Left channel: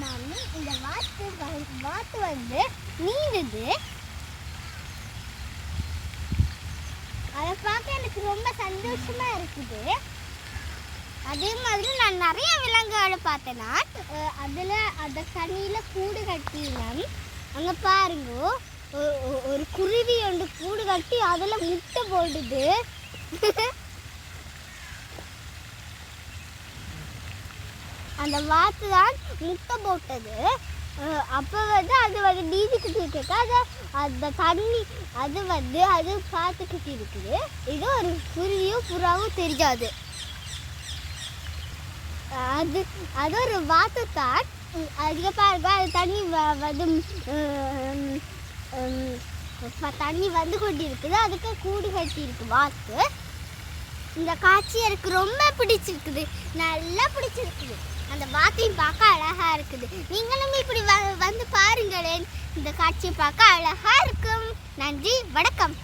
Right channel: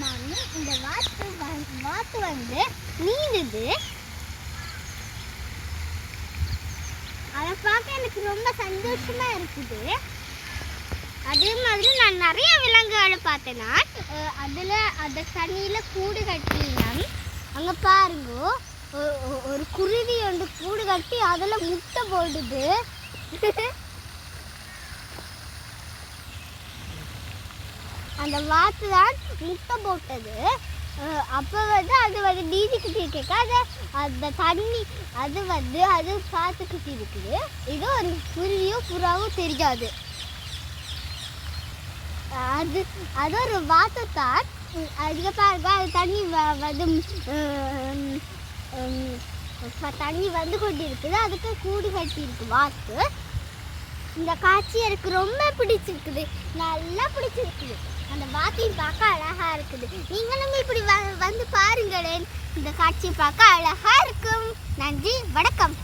மாமி இந்த வாத்து வந்து நீந்துது. அதை பார்க்க எனக்கு ரொம்ப சந்தோஷமா இருக்குது. அதே மாதிரி நான் நிறைய விலங்குகளை பார்த்தேன்னா அந்த தண்ணியில் கூடு கட்டினான். அங்கே பாருங்க, ஒரு குருவி ஒன்று கூடு கட்டி அதில் முட்டை போடுது. அந்த வாத்து தான் முட்டை போட்டது. அப்போ வந்து அது வந்து நீதிக்கிட்டு இருக்க அந்த தண்ணி அது பார்த்துக்கிட்டு இருக்குது. இது ஒரு குருவியும் புறாவும் தெரியாது. அது ஒரு வாத்து தான். அதுக்கு பாருங்க, அது தண்ணி வந்து கொண்டு இருக்குது. அதுக்கு கூடு கட்டி இருக்கு வாத்து. இந்த காட்சி எனக்கு ரொம்ப பிடிச்சிருக்குது, நல்லா பிடிச்சிருக்குது. அந்த வாத்தையும் பார்க்க அழகா இருக்குது. நீங்களும் இப்படி வந்து பாருங்களேன், இந்த காட்சியை பார்க்க அழகா இருக்கும். நன்றி, வணக்கம்.